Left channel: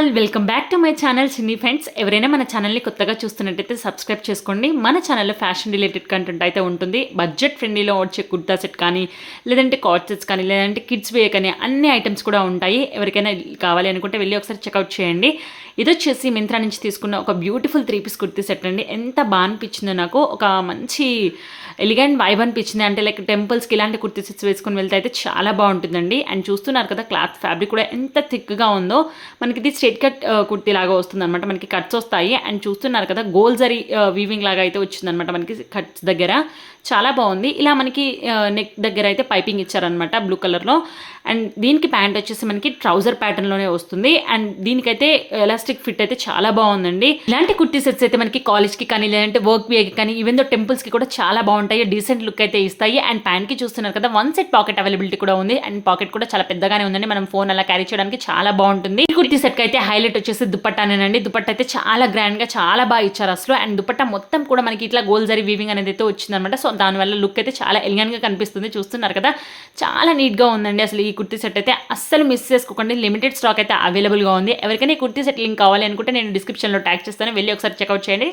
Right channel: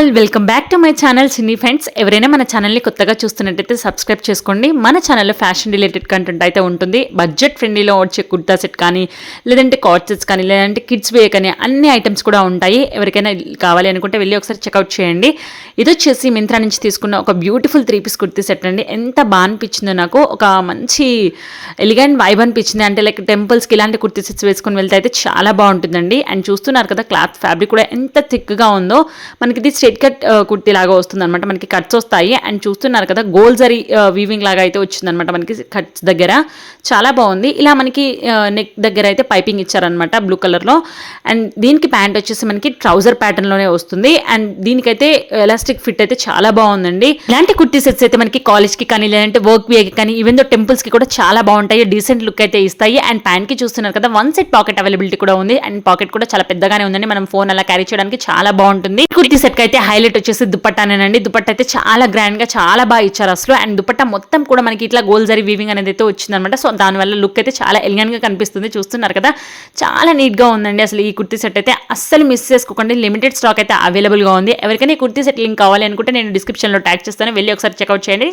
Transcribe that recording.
All welcome back to my channel cine friends. ఎవరైనా మన ఛానల్ని కొత్తగా చూస్తున్నట్టయితే సబ్స్క్రైబ్ చేసుకోండి. మన ఛానల్లో ఫ్యాషన్ రిలేటెడ్ కంటెంట్ అయితే ఉంటుంది. బడ్జెట్ ఫ్రెండ్లీలో వచ్చే కుర్తా సెట్ కానీ, లేదంటే కార్డ్ సెట్స్ కానీ, లేదంటే కిడ్స్ వే కానీ అన్ని ఐటమ్స్ కూడా ఉంటాయి. ఎవరికైనా కావాలి అనుకుంటే వెళ్ళి ఒకసారి చెక్అవుట్ చేయండి. ఇది వచ్చేసి మింత్రా నుంచి తీసుకున్న ఒక బ్యూటిఫుల్ 3 పీస్ కుర్తీ సెట్ అండి. ఎంత బాగా అనిపించిందో నాకు. ఒక మంచి ఎలిగెంట్ వైబ్ అనిపించింది. అంటే లైక్ టెంపుల్స్కి ఇలాంటి కుర్తీ సెట్స్ వేసుకొని వెళ్తే అయితే చాలా బాగుంటుందండి. అండ్ చూస్తున్నారు కదా క్లాత్ ఫ్యాబ్రిక్ కూడా ఎంత థిక్గా ఉందో. మనకి ఇది స్ట్రైట్ కట్ కుర్తీ లాగా వస్తుంది అనమాట. మనకి కట్స్ వస్తాయి. అండ్ చూస్తున్నారు కదా గోల్ జరీ వీవింగ్ లాగా అయితే వచ్చిందనమాట మనకి కట్స్ దగ్గర. చాలా బాగుంది. ఇలా మనకి నెక్ దగ్గర అయితే పైపింగ్ ఇచ్చారనమాట బ్లూ కలర్లో. అండ్ దీనికి ప్యాంట్ వచ్చేసి మనకి ట్రౌజర్ ప్యాటర్న్లోనే వస్తుంది. అండ్ దీనికైతే ఎలాస్టిక్ ఫిట్ అయితే చాలా బాగుందండి. ఇలాంటి కుర్తీ సెట్స్ అయితే మనకి కాలేజ్కి కానీ, లేదంటే వర్క్ వేకి కానీ, ఈవెన్ దో టెంపుల్స్కి కూడా చాలా బాగుంటాయి. డీసెంట్ లుక్ అయితే ఇస్తాయి. అండ్ ప్యాంట్కి చూస్తున్నారు కదా 1 సెట్ పాకెట్ అవైలబిలిటీ కూడా ఉంది. అండ్ పాకెట్ కూడా చాలా పెద్దగానే ఉందండి. మనం ఫోన్ అలా క్యారీ చేయడానికి చాలా బాగుంటుంది. ఈ కుర్తీ సెట్ అయితే హైలైట్ వచ్చేసి దుపట్టానేనండి. దుపట్టా అయితే చాలా గ్రాండ్ గా చాలా బాగా ఇచ్చారు అసలు. అండ్ దుపట్టా మొత్తం కూడా మనకి ఇట్లా గోల్ జరీ వీవింగ్ అనేది అయితే వచ్చిందనమాట. సో దానివల్ల లుక్ అయితే చాలా ఎలిగెంట్ గా కనిపిస్తుంది. చూస్తున్నారు కదా చాలా నీట్ గా ఉందండి. అసలు ఈ కుర్తీ సెట్ అయితే అస్సలు మిస్ చేసుకోకండి. లిమిటెడ్ స్టాక్ అయితే అవైలబుల్ గా ఉంది. ఎవరికైనా ఈ కుర్తీ సెట్ లింక్ కావాలి అనుకుంటే నేను డిస్క్రిప్షన్ లో ట్యాగ్ చేస్తాను. వెళ్ళి ఒకసారి చెక్అవుట్ చేయండి.